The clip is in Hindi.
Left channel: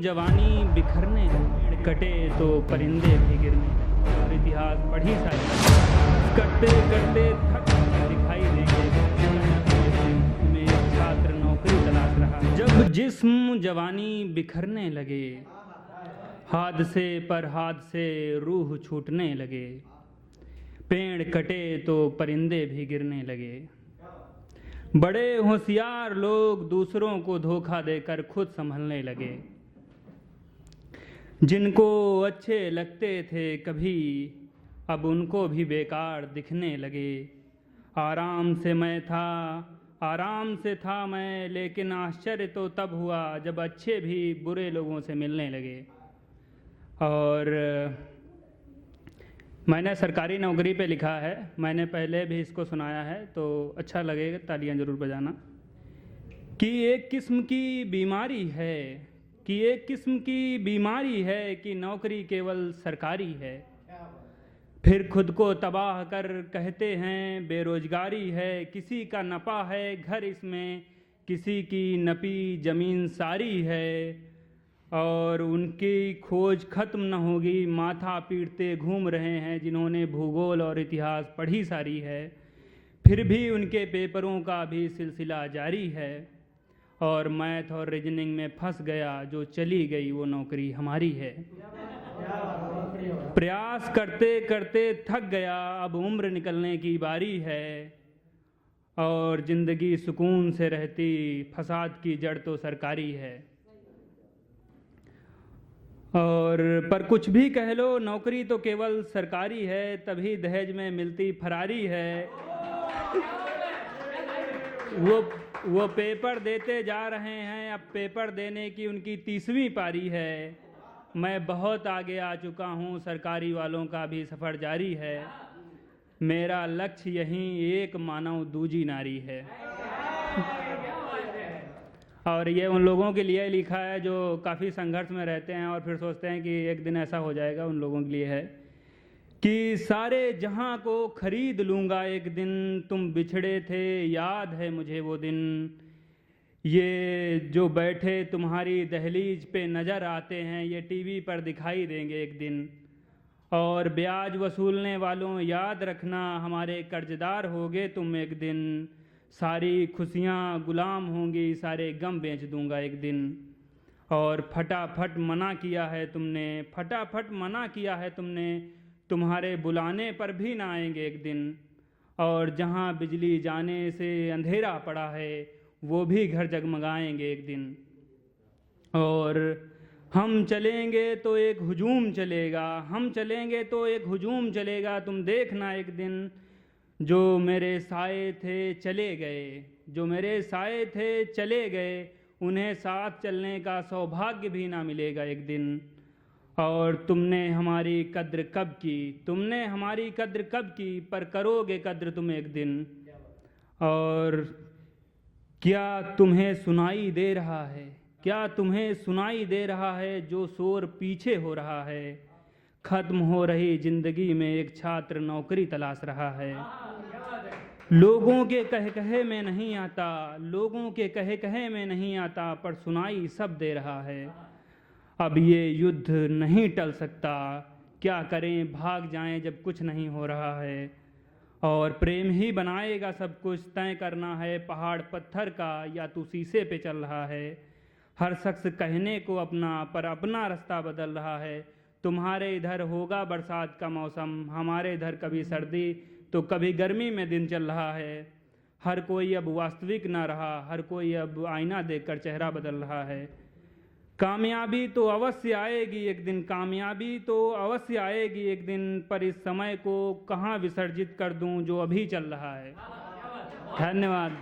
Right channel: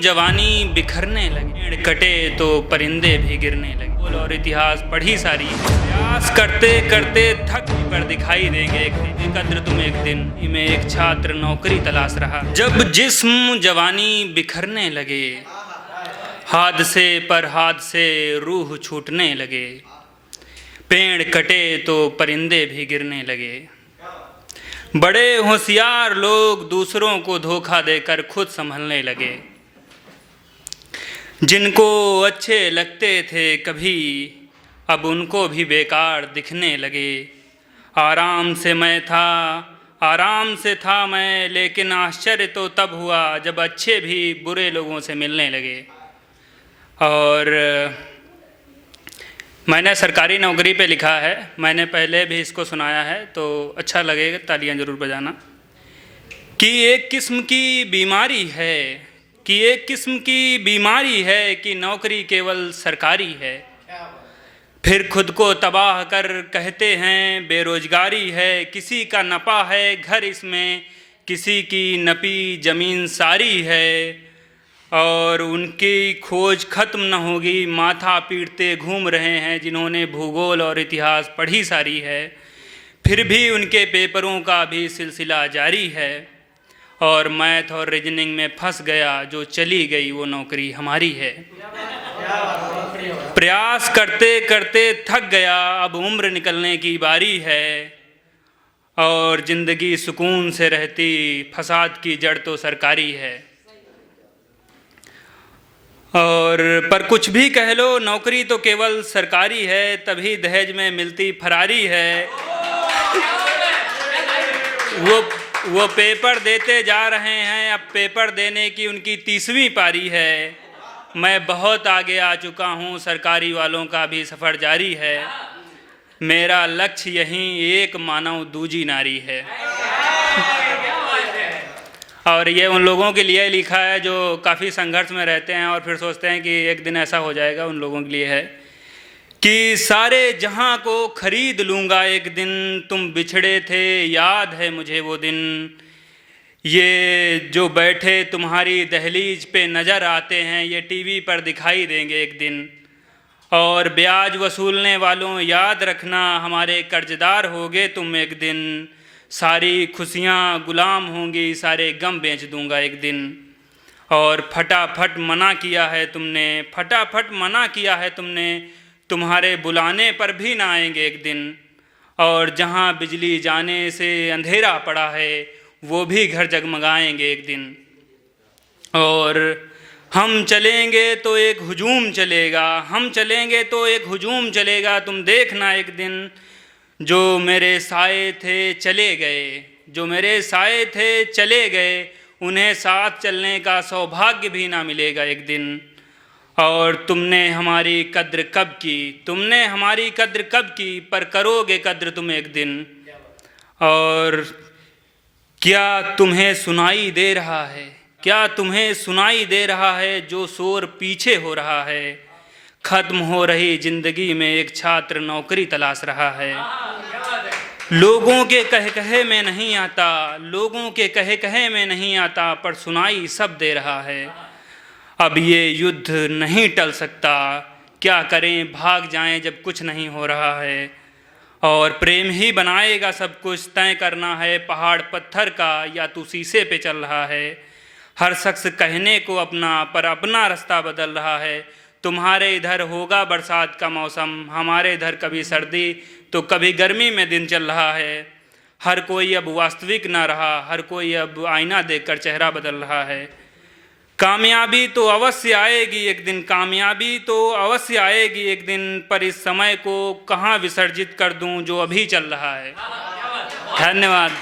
जवानी बिखरने लगे, पेड़ कटे तो परिंदे भी गिरने लगे। और इतिहास पढ़ी सारी, प्रयास करते करते थक कर दिखाई देंगे एक दिन, कद्र तुम एक दिन। में एक छात्र नौकरी तलाश रहा, जब जिस्म जवानी बिखरने लगे, हादसे पर हादसे रूह छूटने लगे, पेड़ कटे तो परिंदे भी गिरने लगे। बड़े होशियार लोग दूसरों को धोखा देकर खुद संभलने लगे। जिनको अच्छे लगते थे कभी, अब उनको भी बेकार दिखने लगे। आराम से था मैं, लेकिन आश्चर्य तो तब हुआ जब अच्छे भी बुरे लोगों से मिलने लगे। और मैंने सरकारी नौकरी पे लिखा है, मैंने पहले भी इसको सुनाया है, तो अच्छा लगेगा, तालियां ज़रूर बजाना। कि एक किस्म की बीमारी है कि नौकरी केवल सरकारी है। फिर खुद को तबाह कर कहते हैं बेरोजगारी है। किसी का नपा है घर इसमें, किसी की नपी ज़मीन सारी है। और उनकी खोज खत्म न होगी, माथा पीटते घूम रहे हैं जिन्होंने भूगोल और इतिहास पढ़ी सारी है। फिर भी उनके पेपरों का भी सिलसिला जारी है। और मैथ और रीजनिंग में फंस गया जो चली गई वो नौकरी हमारी है। प्रयास करते करते थक गया, अब उम्र निकलने की बारी है। और ज़िंदगी सुकून से रहती, फसाद की जड़ तो सरकारी है। और पर कुछ भी कह लो, नौकरी तो केवल सरकारी है, तभी दहेज में मिलती फरारी है। वो पेपर देते जा रहे हैं, अब पेपर देने की उनकी 30वीं पारी है। मैं बहुत आगे आ चुका हूँ, सरकारी वालों का भी सफ़र जारी है। मेरा लक्ष्य यहीं एक मानव दूजी नारी है। और ये उन लोगों के लिए लिखा है जो काफ़ी संघर्ष में रहते हैं और फिर सोचते हैं कि एक दिन ऐसा हो जाएगा। उन लोगों के लिए है कि सारे जहां को खरीद लूँगा एक दिन, तुम बिछड़े थे याद है मुझे वो दिन। ये जो बैठे तुम्हारी दहलीज पे नज़र आते हैं, ये टीवी पर दिखाई देंगे एक दिन। और ब्याज वसूलने वालों याद रखना, हमारे कर्जदार होगे तुम एक दिन। सारी खुशियाँ गुलाम होंगी, सारे गम बेच दूंगा एक दिन। और फटाफट मना किया है तुमने, तुम्हारे बुलाने पर भी ना आएंगे एक दिन। और जहाँ बिजली जाने से अंधेरा पड़ा है, वो भी घर जगमगाएंगे एक दिन। और हम चलेंगे तो एक हुजूम चलेगा, तुम देखना एक दिन। जो मेरे साए थे चले गए, उन्हें साथ चलने का सौभाग्य भी ना मिलेगा एक दिन। और तुमने हमारी कद्र कब की, पर करोगे कद्र तुम एक दिन। और क्या तुम्हें सुनाई दे रहा है जो शोर पीछे हो रहा है। खत्म हो रही जिंदगी में एक छात्र नौकरी तलाश रहा है। लोगों के कहे कहे में नहीं आता, पर सुनाई सब दे रहा है। अब ये युद्ध नहीं टल सकता, क्या करें भाग जाएं जब कुछ नहीं हो रहा है। और प्रेम ही बनाएगा सब कुछ, तय करना है पहाड़ पत्थर का या तू शीशे पे चल रहा है। हर शख्स कहने को अपना, पर अपना रास्ता बदल रहा है। तुम्हारे इधर होगा बरसात का मौसम, हमारे इधर कभी सर्दी तो कभी गर्मी में दिन चल रहा है। हर कोई अब वास्तविक ना रहा, हर कोई अब आईना देखकर चेहरा बदल रहा है। कामयाबी तो अवश्य आएगी एक दिन, पर इस समय को कहाँ विसर्जित कर दूं जो अभी चल रहा है। धन्यवाद।